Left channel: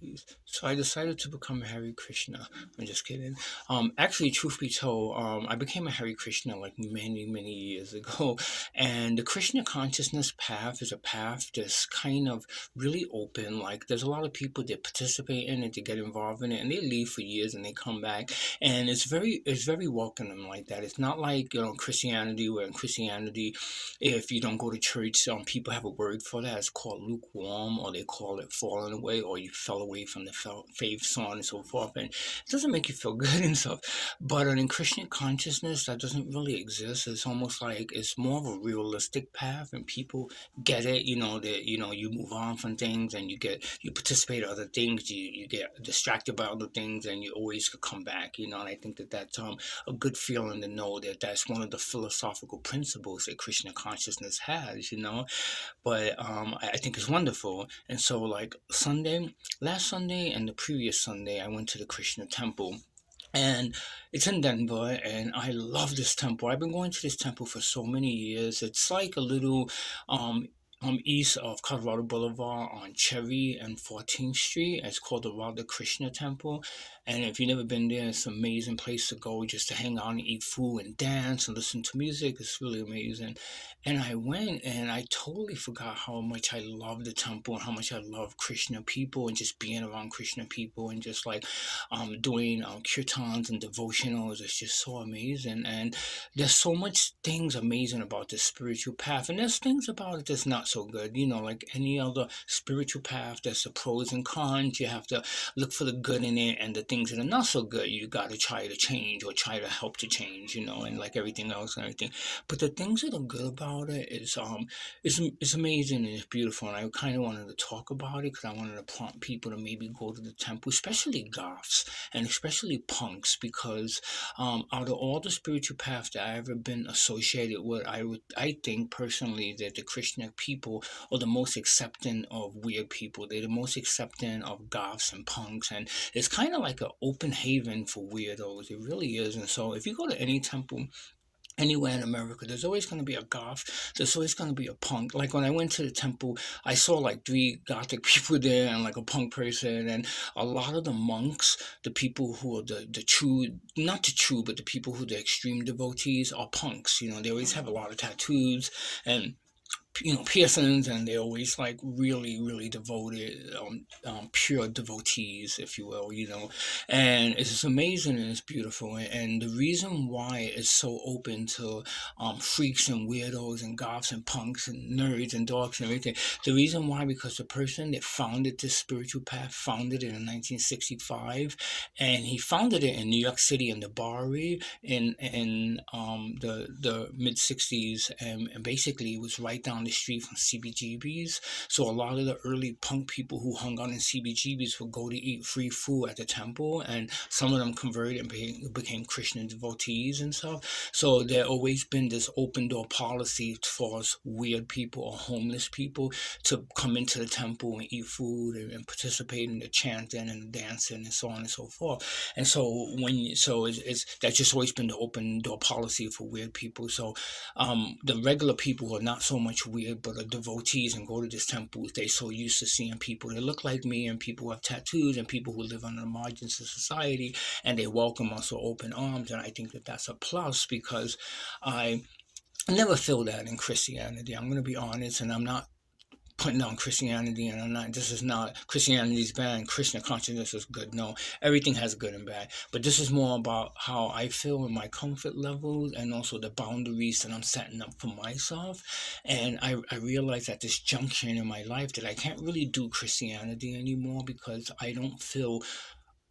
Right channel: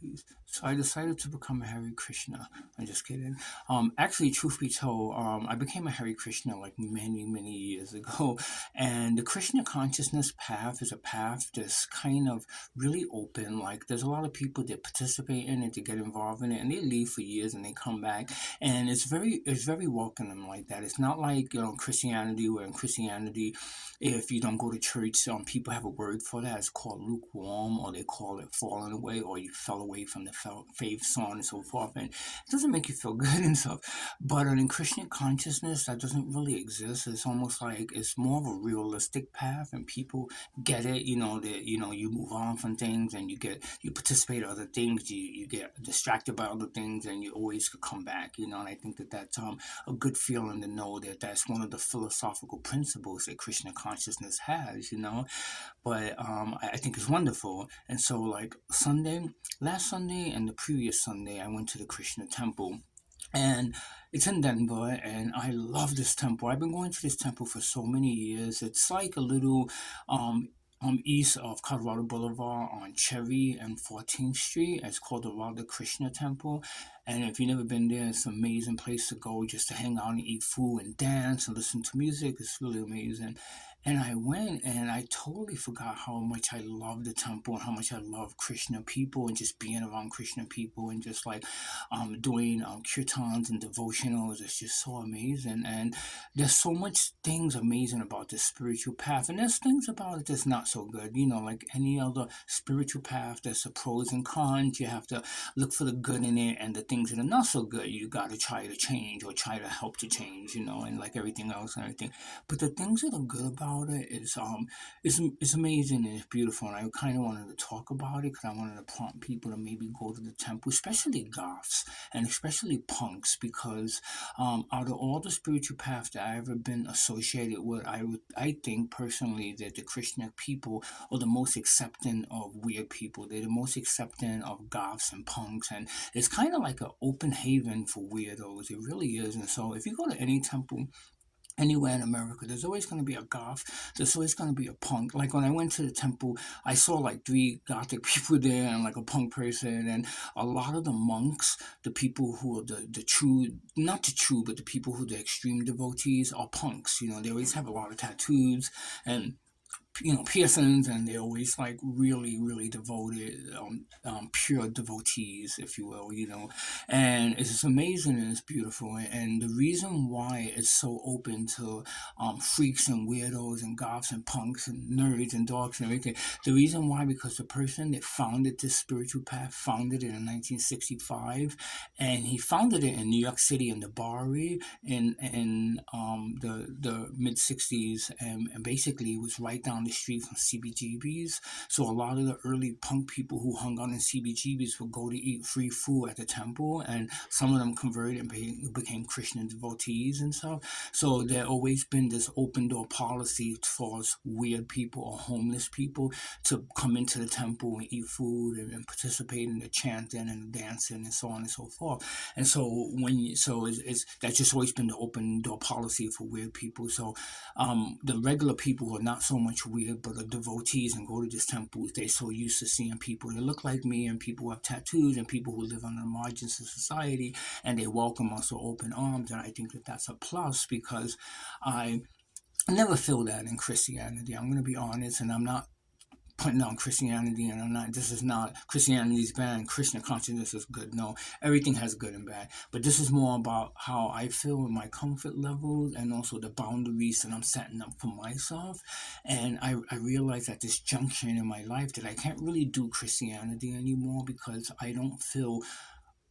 Peace. So I decided to become a Hare Krishna. I'm just kidding. Actually, truth be told, I became a Hare Krishna like many, many years ago. And the Krishna Consciousness path is a path that's kind of really open. Like, there's a lot of people that participate in it, to get involved in it, and they leave for years and they come back. And it's very welcoming like that. It's not like, Christianity, where in Christianity, if you don't go to church, people have a word for that. It's called lukewarm, or they call it falling away, or you fell away from the faith, so on and so forth. And it doesn't make you feel good and stuff. But in Christian consciousness, that doesn't really exist. It's almost like it's more of a realistic path, and people get it. That you move on from things, and you participate in other things. You get distracted by other things, and you always could come back. And I think that that's a good feeling to know that that's one of the philosophical principles that Krishna consciousness has. But I think it's wonderful. And so, like last Sunday and the previous Sunday, I went to the Krishna temple. And it's in Denver, and I love this temple. I've been going to this temple for so many years. It's like a little east of Colorado Boulevard on Cherry and 14th Street. It's called the Radha Krishna Temple. And if you've never been there, it's an amazing place to go just to hang out and eat food and dance and listen to music. It's really amazing. And I went, and I totally forgot how much I love the temple and how much I love Krishna people, and just being around Krishna people, and just like doing kirtans and devotionals. It's just so amazing. And there's so much things amazing about this spiritual path, and there's things about it that's not so good. Like any other spiritual path, there's the pros and cons. You have to look for the good in it, and the things that are not so good, you got to try to change, or try to help to change. And like everything else and everything. But the things that are good about it is it's amazing, and it's beautiful. And I kind of wanted to talk about it because I wanted to prompt people to maybe go to the temple, especially goths and especially punks, because out of all the spiritual paths that I've ever been associated with, I think personally that the Krishna people are the most accepting of weird people. They're the most accepting of goths and punks, and it's kind of like an open haven for weirdos. It really is. And so if you go to any temple anywhere in America, there's always going to be a goth. There's always going to be a punk. Like when I went to the temple, I saw like three gothic people there, and like a punk person. And a lot of the monks, the people who are the true, not the true, but the people who are the extreme devotees, are punks. They always have a lot of tattoos and piercings, and they're always like really, really devoted, pure devotees, if you will. And it's just amazing, and it's beautiful. And the reason why it's so open to freaks and weirdos and goths and punks and nerds and dorks and everything, the reason why, because the person that founded this spiritual path founded it in 1965, and he founded it in New York City in the Bowery in the mid 60s, and basically it was right down the street from CBGB's. So a lot of the early punk people who hung out in CBGB's would go to eat free food at the temple, and some of them converted and became Christian devotees and stuff. So there always been this open door policy for weird people or homeless people to come into the temple and eat food, and participate in the chanting and the dancing and so on and so forth. And so it's that's just always been the open door policy for weird people. So the regular people who are not so much weird, but are devotees and go to this temple, they're so used to seeing people that look like me, and people who have tattoos, and people who live on the margins of society, and they welcome us with open arms. And I think that that's a plus, because I never feel that in Christianity. I'm going to be honest, and I'm not putting down Christianity, and I'm not. This is not Christianity's bad. Krishna consciousness is good. No, everything has good and bad. But this is more about how I feel in my comfort levels, and also the boundaries that I'm setting up for myself. And I realize at this junction in my life that I can't really do Christianity anymore, because I don't feel,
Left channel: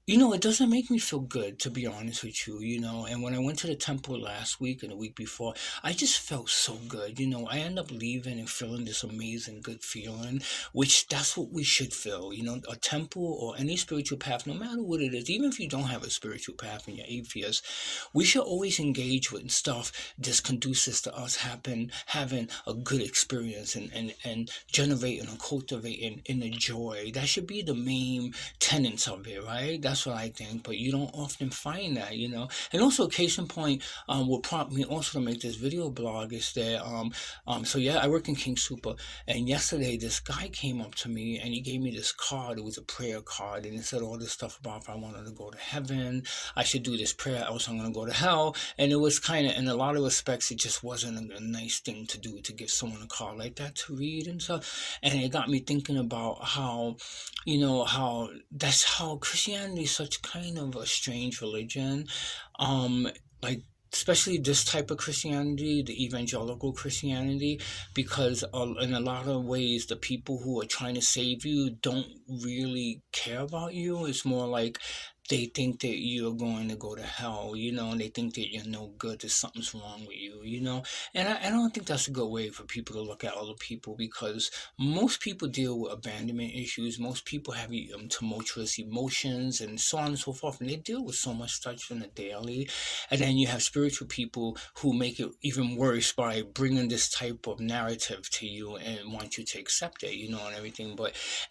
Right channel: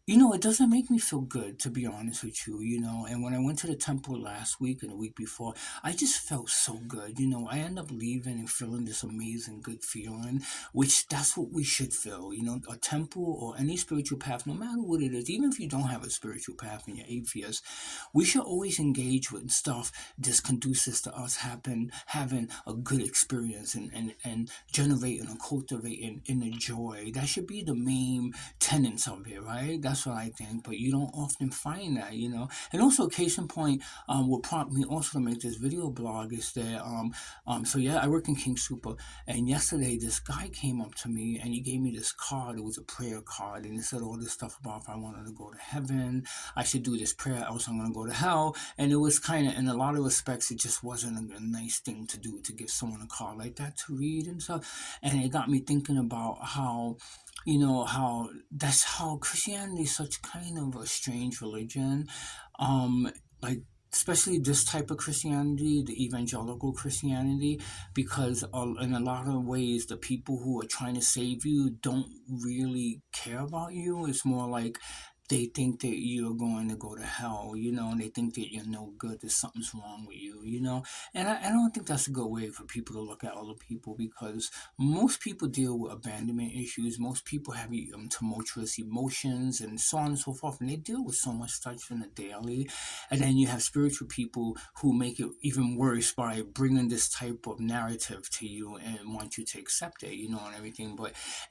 it doesn't make me feel good, to be honest with you. And when I went to the temple last week and the week before, I just felt so good. I end up leaving and feeling this amazing, good feeling, which that's what we should feel. A temple or any spiritual path, no matter what it is, even if you don't have a spiritual path and you're atheist, we should always engage with stuff that's conducive to us having a good experience, and generating and cultivating inner joy. That should be the main tenets of it, right? That's That's what I think. But you don't often find that, And also, case in point, what prompted me also to make this video blog is that, so yeah, I work in King Super, and yesterday this guy came up to me and he gave me this card. It was a prayer card, and it said all this stuff about if I wanted to go to heaven, I should do this prayer, else I'm gonna go to hell. And it was kind of, in a lot of respects, it just wasn't a nice thing to do, to give someone a card like that to read and stuff. And it got me thinking about how, how that's how Christianity is such kind of a strange religion. Um, like, especially this type of Christianity, the evangelical Christianity, because in a lot of ways, the people who are trying to save you don't really care about you. It's more like they think that you're going to go to hell, and they think that you're no good, that something's wrong with you, And I don't think that's a good way for people to look at other people, because most people deal with abandonment issues. Most people have tumultuous emotions and so on and so forth, and they deal with so much such in the daily. And then you have spiritual people who make it even worse by bringing this type of narrative to you and want you to accept it, and everything.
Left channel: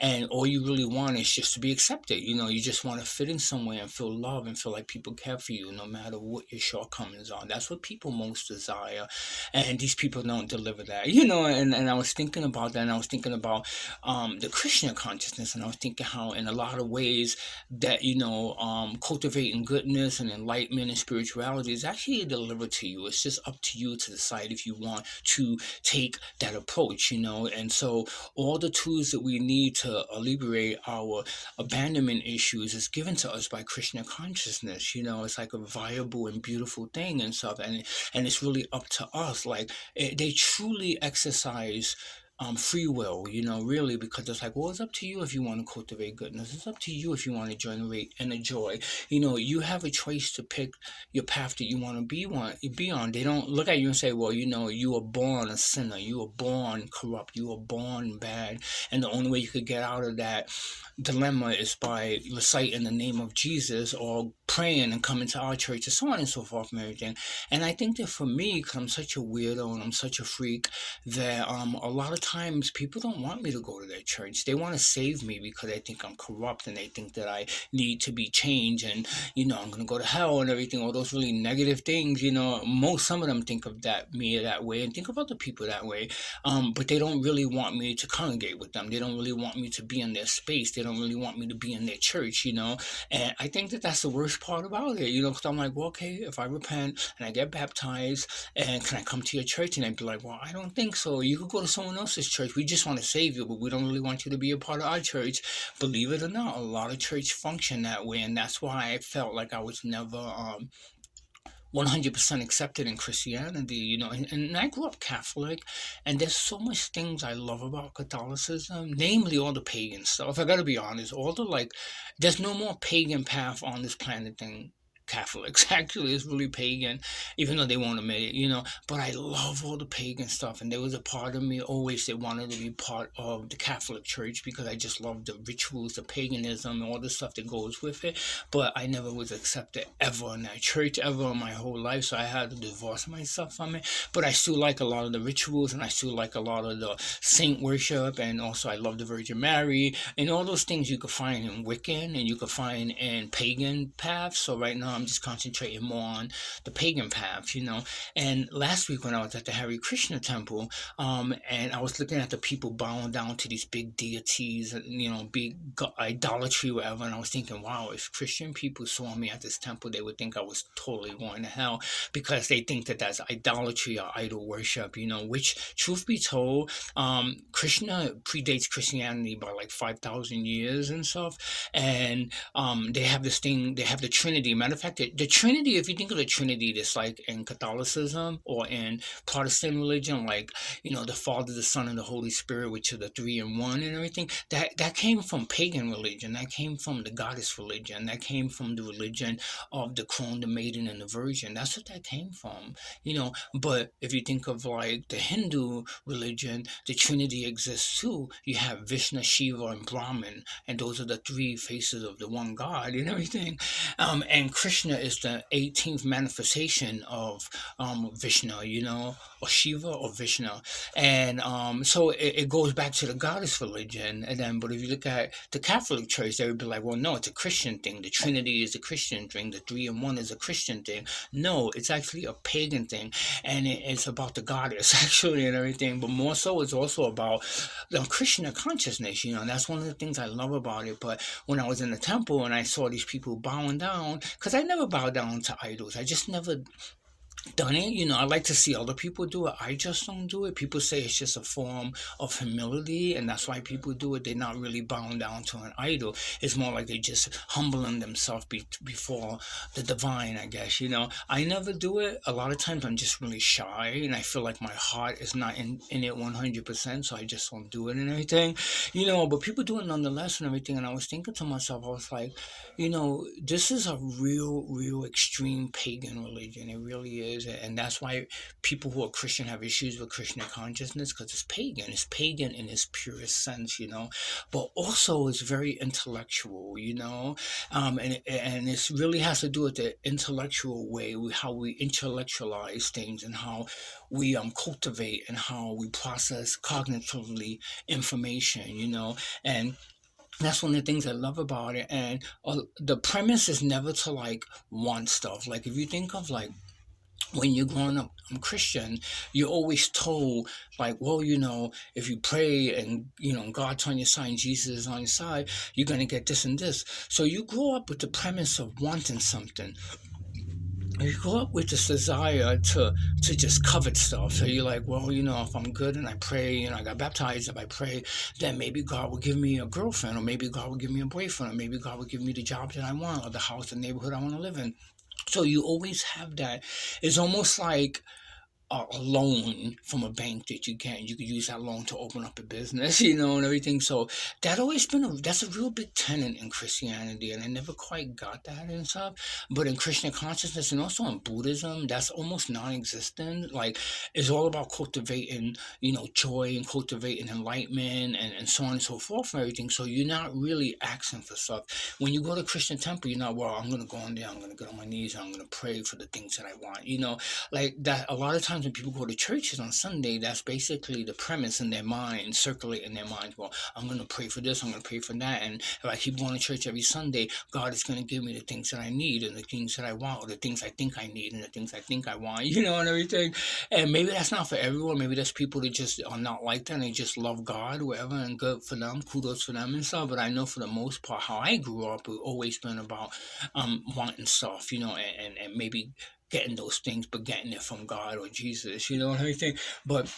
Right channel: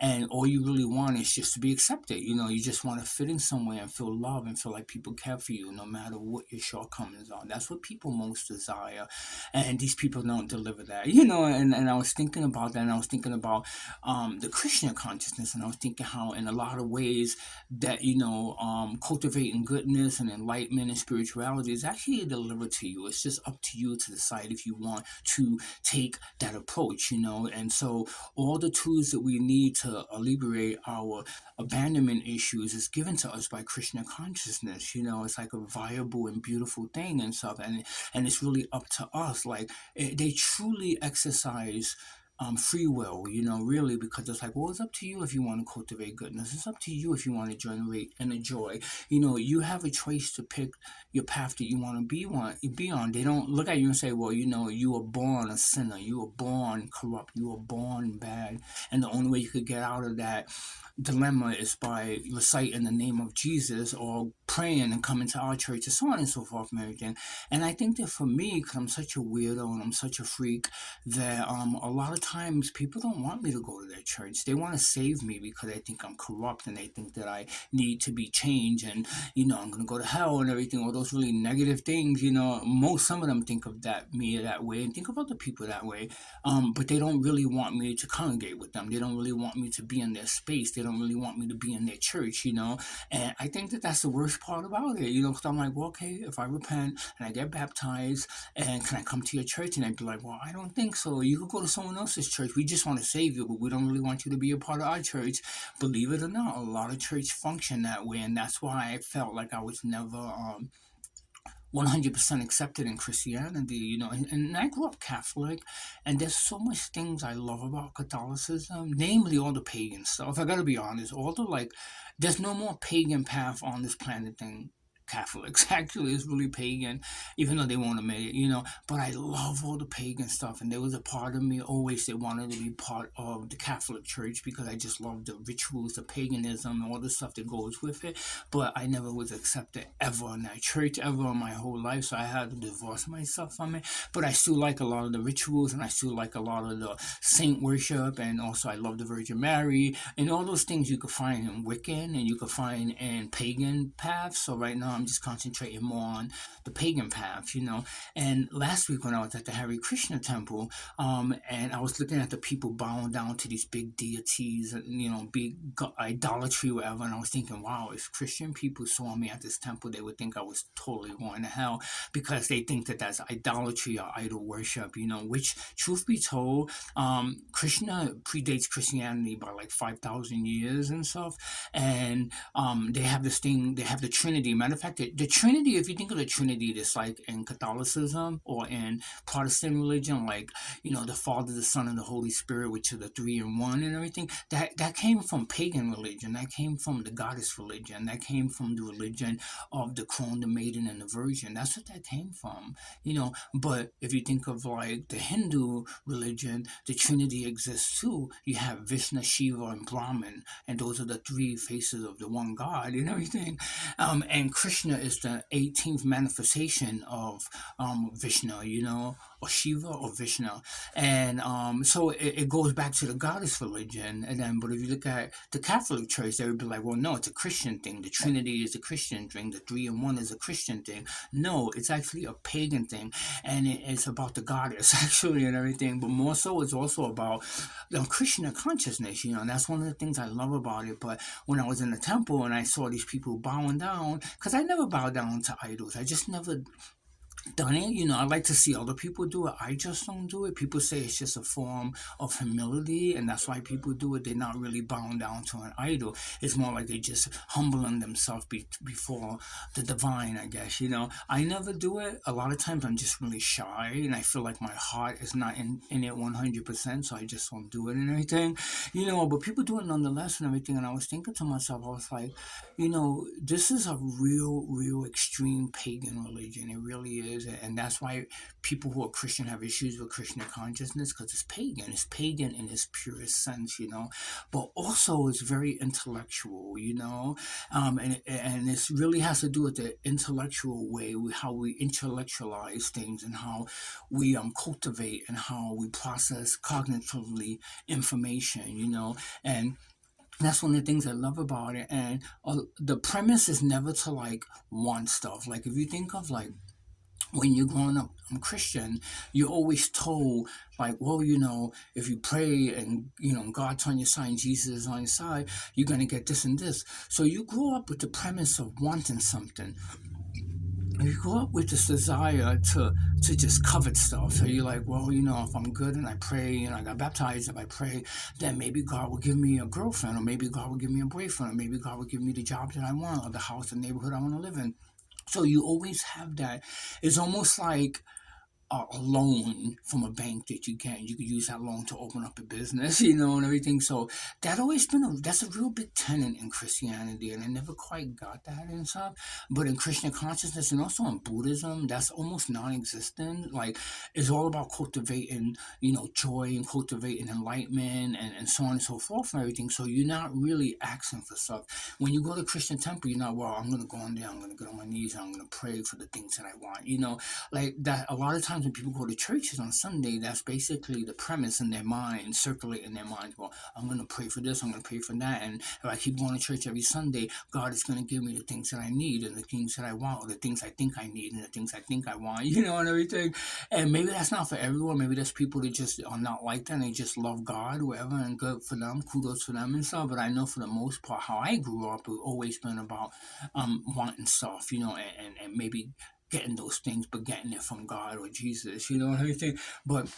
And all you really want is just to be accepted. You just want to fit in somewhere and feel love and feel like people care for you no matter what your shortcomings are. That's what people most desire. And these people don't deliver that, and I was thinking about that, and I was thinking about the Krishna consciousness, and I was thinking how in a lot of ways that, cultivating goodness and enlightenment and spirituality is actually delivered to you. It's just up to you to decide if you want to take that approach, And so all the tools that we need to alleviate our abandonment issues is given to us by Krishna consciousness. It's like a viable and beautiful thing and stuff, and it's really up to us. Like, they truly exercise free will, really, because it's like, well, it's up to you if you want to cultivate goodness. It's up to you if you want to generate and enjoy. You have a choice to pick your path that you want to be on. They don't look at you and say, well, you were born a sinner, you were born corrupt, you were born bad, and the only way you could get out of that dilemma is by reciting the name of Jesus or praying and coming to our church and so on and so forth and everything. And I think that for me, because I'm such a weirdo and I'm such a freak, that a lot of times people don't want me to go to their church. They want to save me because they think I'm corrupt and they think that I need to be changed and, I'm going to go to hell and everything, all those really negative things, some of them think of me that way and think of other people that way. But they don't really want me to congregate with them. They don't really want me to be in their space. They don't really want me to be in their church, And I think that that's the worst part about it, because I'm like, well, okay, if I repent and I get baptized, and can I come to your church? And I'd be like, well, I don't think so. You could go to someone else's church. We just want to save you, but we don't really want you to be a part of our church. Believe it or not, a lot of church function that way, and that's why I felt like I was never 100% accepted in Christianity, and I grew up Catholic, and there's so much things I love about Catholicism, namely all the pagan stuff. I gotta be honest, there's no more pagan path on this planet than Catholics. Actually, it's really pagan, even though they won't admit it, But I love all the pagan stuff, and there was a part of me always that wanted to be part of the Catholic Church because I just love the rituals, the paganism, and all the stuff that goes with it. But I never was accepted ever in that church, ever in my whole life, so I had to divorce myself from it. But I still like a lot of the rituals, and I still like a lot of the saint worship, and also I love the Virgin Mary, and all those things you could find in Wiccan, and you could find in pagan paths. So right now I'm just concentrating more on the pagan path, And last week when I was at the Hare Krishna temple, and I was looking at the people bowing down to these big deities and, big idolatry, whatever, and I was thinking, wow, if Christian people saw me at this temple, they would think I was totally going to hell because they think that that's idolatry or idol worship, which, truth be told, Krishna predates Christianity by like 5,000 years and stuff, and they have this thing, they have the Trinity. Matter of fact, the Trinity, if you think of the Trinity, that's like in Catholicism or in Protestant religion, like, the Father, the Son, and the Holy Spirit, which are the three in one and everything, that came from pagan religion, that came from the goddess religion, that came from the religion of the crone, the maiden, and the virgin. That's what that came from, But if you think of like the Hindu religion, the Trinity exists too. You have Vishnu, Shiva, and Brahman, and those are the three faces of the one God and everything. And Krishna Krishna is the 18th manifestation of Vishnu, or Shiva or Vishnu. And so it goes back to the goddess religion. And then, but if you look at the Catholic Church, they would be like, well, no, it's a Christian thing. The Trinity is a Christian thing. The three in one is a Christian thing. No, it's actually a pagan thing. And it's about the goddess, actually, and everything. But more so, it's also about the Krishna consciousness, and that's one of the things I love about it. But when I was in the temple and I saw these people bowing down, because I never bow down to idols, I just never done it. I like to see other people do it. I just don't do it. People say it's just a form of humility, and that's why people do it. They're not really bowing down to an idol. It's more like they just humbling themselves before the divine, I guess. I never do it. A lot of times I'm just really shy, and I feel like my heart is not in it 100%, so I just don't do it and everything. But people do it nonetheless and everything. And I was thinking to myself, I was like, this is a real extreme pagan religion. It really is. And that's why people who are Christian have issues with Krishna consciousness, because it's pagan. It's pagan in its purest sense, but also it's very intellectual, and this really has to do with the intellectual way, how we intellectualize things, and how we cultivate and how we process cognitively information, and that's one of the things I love about it. And the premise is never to like want stuff. Like if you think of like when you're growing up Christian, you're always told like, well, if you pray and God's on your side and Jesus is on your side, you're gonna get this and this. So you grow up with the premise of wanting something. You grow up with this desire to just covet stuff. So you're like, well, if I'm good and I pray, I got baptized, if I pray, then maybe God will give me a girlfriend, or maybe God will give me a boyfriend, or maybe God will give me the job that I want, or the house, the neighborhood I want to live in. So you always have that. It's almost like a loan from a bank that you could use that loan to open up a business, and everything. So that's a real big tenet in Christianity, and I never quite got that and stuff. But in Christian consciousness and also in Buddhism, that's almost non-existent. Like it's all about cultivating, joy, and cultivating enlightenment, and so on and so forth and everything. So you're not really asking for stuff. When you go to Christian temple, you're not, well, I'm gonna go in there, I'm gonna get on my knees, and I'm gonna pray for the things that I want, like that. A lot of times when people go to churches on Sunday, that's basically the premise in their mind, circulate in their minds. Well, I'm going to pray for this, I'm going to pray for that, and if I keep going to church every Sunday, God is going to give me the things that I need, and the things that I want, or the things I think I need, and the things I think I want, and everything. And maybe that's not for everyone. Maybe there's people that just are not like that, and they just love God, whatever, and good for them, kudos for them and stuff. But I know for the most part, how I grew up, it's always been about wanting stuff, and maybe getting those things, but getting it from God or Jesus, and everything. But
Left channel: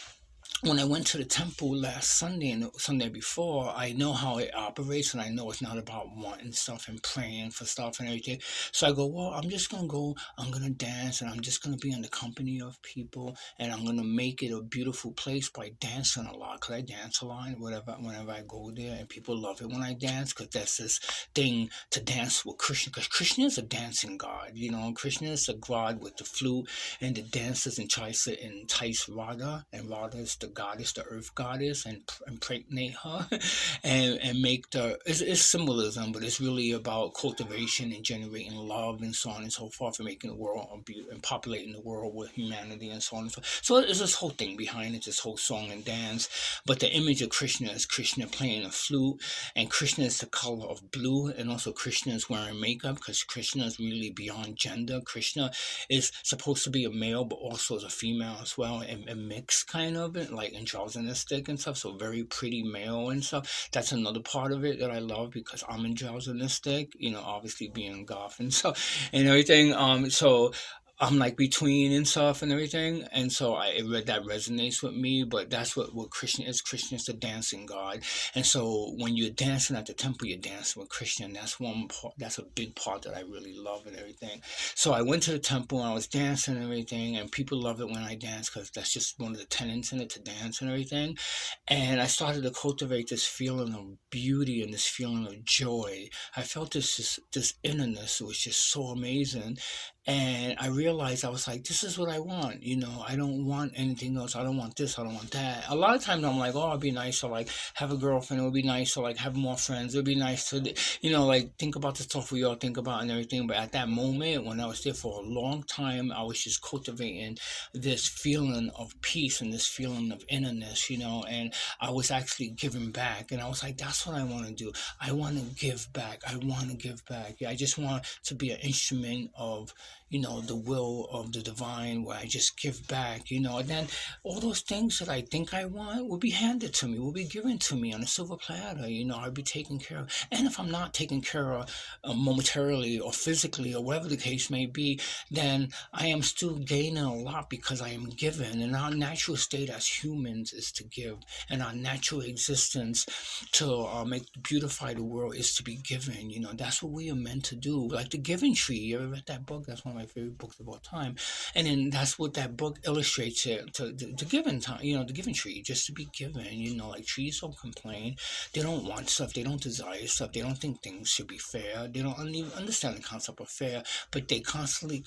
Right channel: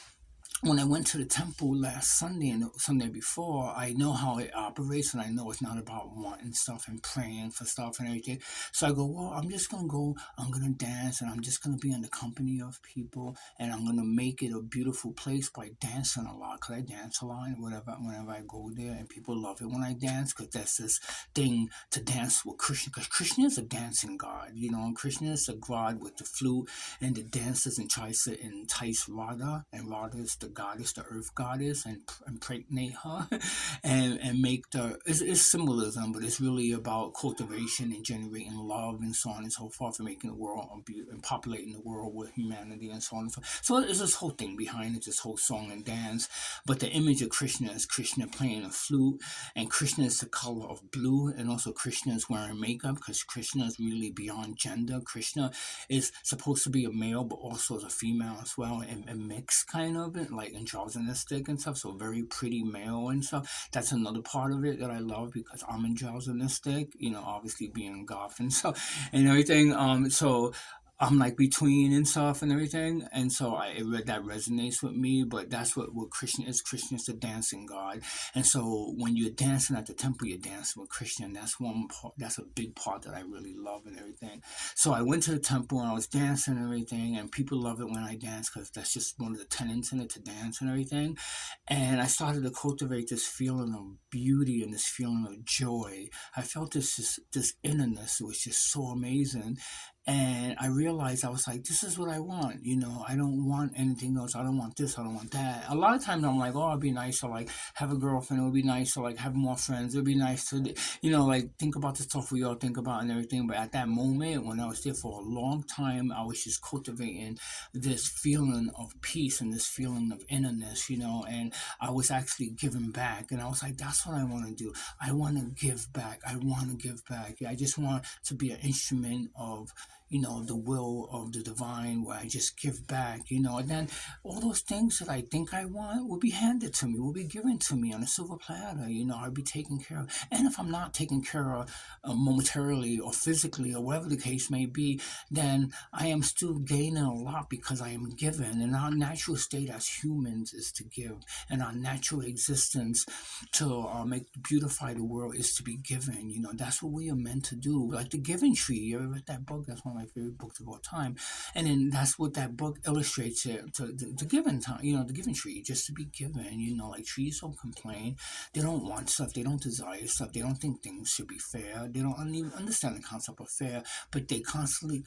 when I went to the temple last Sunday and the Sunday before, I know how it operates, and I know it's not about wanting stuff and praying for stuff and everything. So I go, well, I'm just gonna go, I'm gonna dance, and I'm just gonna be in the company of people, and I'm gonna make it a beautiful place by dancing a lot, because I dance a lot, and whenever I go there, and people love it when I dance, because that's this thing to dance with Krishna, because Krishna is a dancing god, Krishna is a god with the flute and the dancers and tries to entice Radha, and Radha is the goddess, the earth goddess, and impregnate her, and make it's symbolism, but it's really about cultivation and generating love and so on and so forth, and making the world and populating the world with humanity and so on and so forth. So there's this whole thing behind it, this whole song and dance. But the image of Krishna is Krishna playing a flute, and Krishna is the color of blue, and also Krishna is wearing makeup, because Krishna is really beyond gender. Krishna is supposed to be a male, but also as a female as well, and mixed kind of it, like androgynistic and stuff. So very pretty male and stuff. That's another part of it that I love, because I'm androgynistic, obviously being goth and stuff and everything. So I'm like between and stuff and everything, and so I read that resonates with me. But that's what Krishna is. Krishna is the dancing god, and so when you're dancing at the temple, you're dancing with Krishna. And that's one part. That's a big part that I really love and everything. So I went to the temple and I was dancing and everything, and people love it when I dance, because that's just one of the tenets in it, to dance and everything. And I started to cultivate this feeling of beauty and this feeling of joy. I felt this innerness, was just so amazing. And I realized, I was like, this is what I want. I don't want anything else. I don't want this. I don't want that. A lot of times I'm like, oh, it'd be nice to like have a girlfriend. It would be nice to like have more friends. It'd be nice to, like think about the stuff we all think about and everything. But at that moment, when I was there for a long time, I was just cultivating this feeling of peace and this feeling of innerness, and I was actually giving back. And I was like, that's what I want to do. I want to give back. I want to give back. I just want to be an instrument of the will of the divine, where I just give back, and then all those things that I think I want will be handed to me, will be given to me on a silver platter, I'll be taken care of. And if I'm not taken care of momentarily or physically or whatever the case may be, then I am still gaining a lot because I am given. And our natural state as humans is to give, and our natural existence to make beautify the world is to be given. That's what we are meant to do. Like the Giving Tree. You ever read that book? That's one of my favorite books of all time. And then that's what that book illustrates it to the given time. The Giving Tree, just to be given. Like trees don't complain. They don't want stuff. They don't desire stuff. They don't think things should be fair. They don't even understand the concept of fair. But they constantly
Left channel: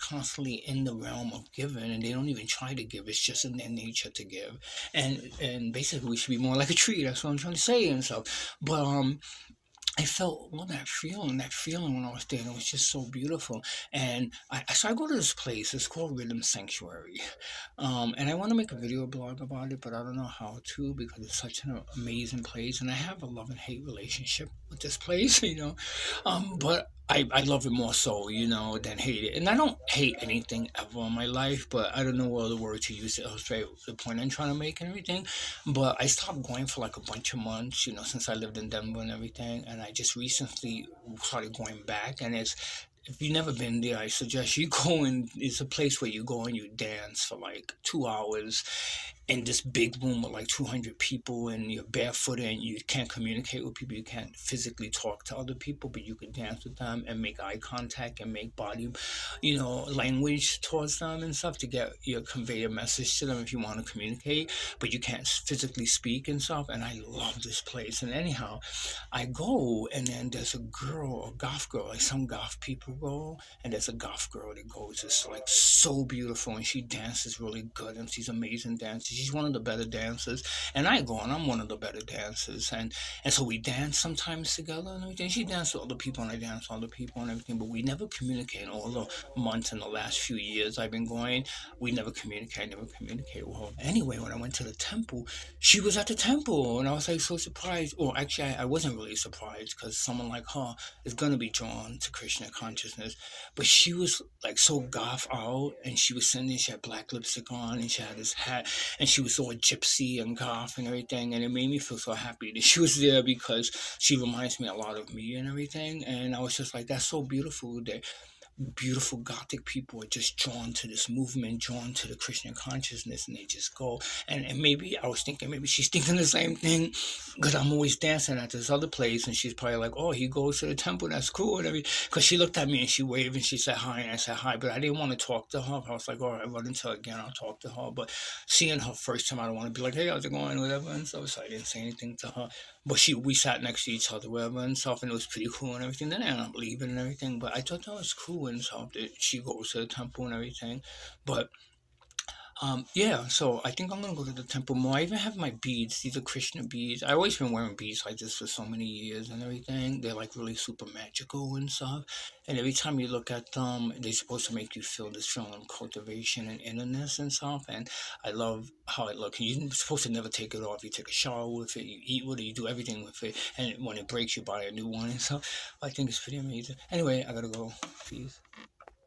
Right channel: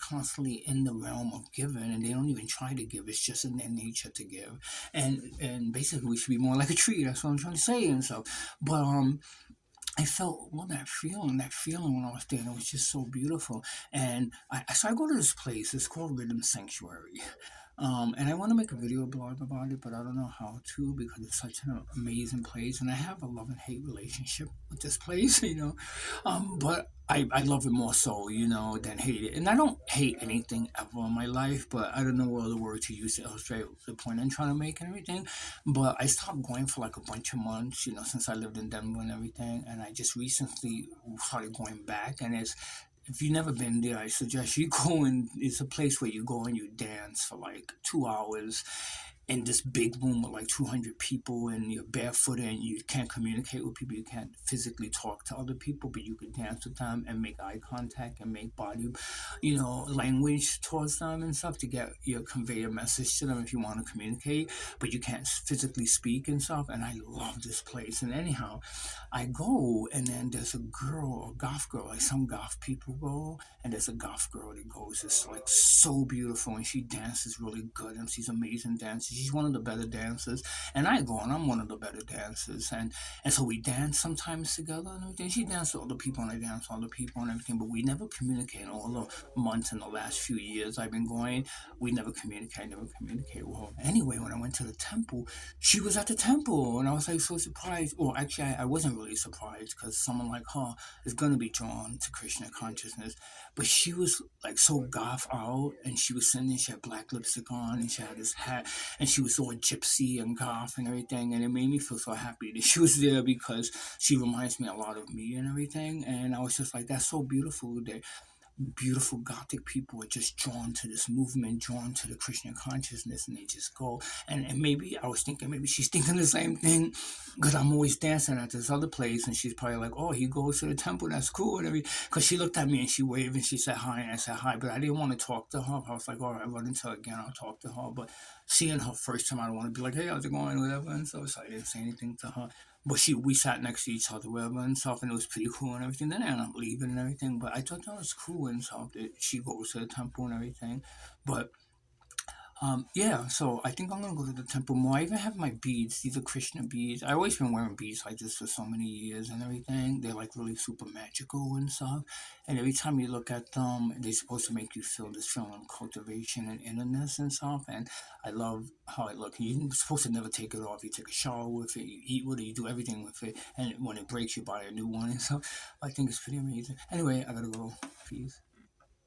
in the realm of giving, and they don't even try to give. It's just in their nature to give. And basically, we should be more like a tree. That's what I'm trying to say and stuff. But I felt all that feeling when I was there. And it was just so beautiful. And so I go to this place. It's called Rhythm Sanctuary. And I want to make a video blog about it, but I don't know how to because it's such an amazing place. And I have a love and hate relationship with this place, But I love it more so, than hate it. And I don't hate anything ever in my life, but I don't know what other word to use to illustrate the point I'm trying to make and everything. But I stopped going for like a bunch of months, since I lived in Denver and everything. And I just recently started going back. And if you've never been there, I suggest you go, and it's a place where you go and you dance for like 2 hours in this big room with like 200 people, and you're barefoot and you can't communicate with people. You can't physically talk to other people, but you can dance with them and make eye contact and make body, language towards them and stuff to get convey a message to them if you want to communicate, but you can't physically speak and stuff. And I love this place. And anyhow, I go, and then there's a girl, a goth girl, like some goth people go, and there's a goth girl that goes. It's like so beautiful, and she dances really good, and she's amazing dancer. She's one of the better dancers, and I go, and I'm one of the better dancers, and so we dance sometimes together and everything. She dances with other people, and I dance with other people and everything, but we never communicate. All the months in the last few years I've been going, we never communicate, with her. Anyway, when I went to the temple, she was at the temple, and I was like so surprised. Or actually, I wasn't really surprised because someone like her is gonna be drawn to Krishna consciousness. But she was like so goth out, and she was sending. She had black lipstick on, and she had this hat, and she was all gypsy and goth and everything. And it made me feel so happy that she was there because she reminds me a lot of me and everything. And I was just like, that's so beautiful that beautiful gothic people are just drawn to this movement, drawn to the Krishna consciousness, and they just go. And maybe I was thinking, maybe she's thinking the same thing because I'm always dancing at this other place, and she's probably like, oh, he goes to the temple, that's cool. And everything. Because she looked at me and she waved and she said hi, and I said hi, but I didn't want to talk to her. I was like, all right, run into her again, I'll talk to her. But seeing her first time, I don't want to be like, hey, how's it going, whatever, and stuff. So I didn't say anything to her. But we sat next to each other, whatever, and stuff, and it was pretty cool and everything. Then I ended up leaving and everything, but I thought that was cool and stuff that she goes to the temple and everything. But yeah, so I think I'm gonna go to the temple more. I even have my beads. These are Krishna beads. I always been wearing beads like this for so many years and everything. They're like really super magical and stuff. And every time you look at them, they're supposed to make you feel this feeling of cultivation and innerness and stuff. And I love how it looks. You're supposed to never take it off. You take a shower with it, you eat with it, you do everything with it. And when it breaks, you buy a new one and stuff. I think it's pretty amazing. Anyway, I gotta go. Peace.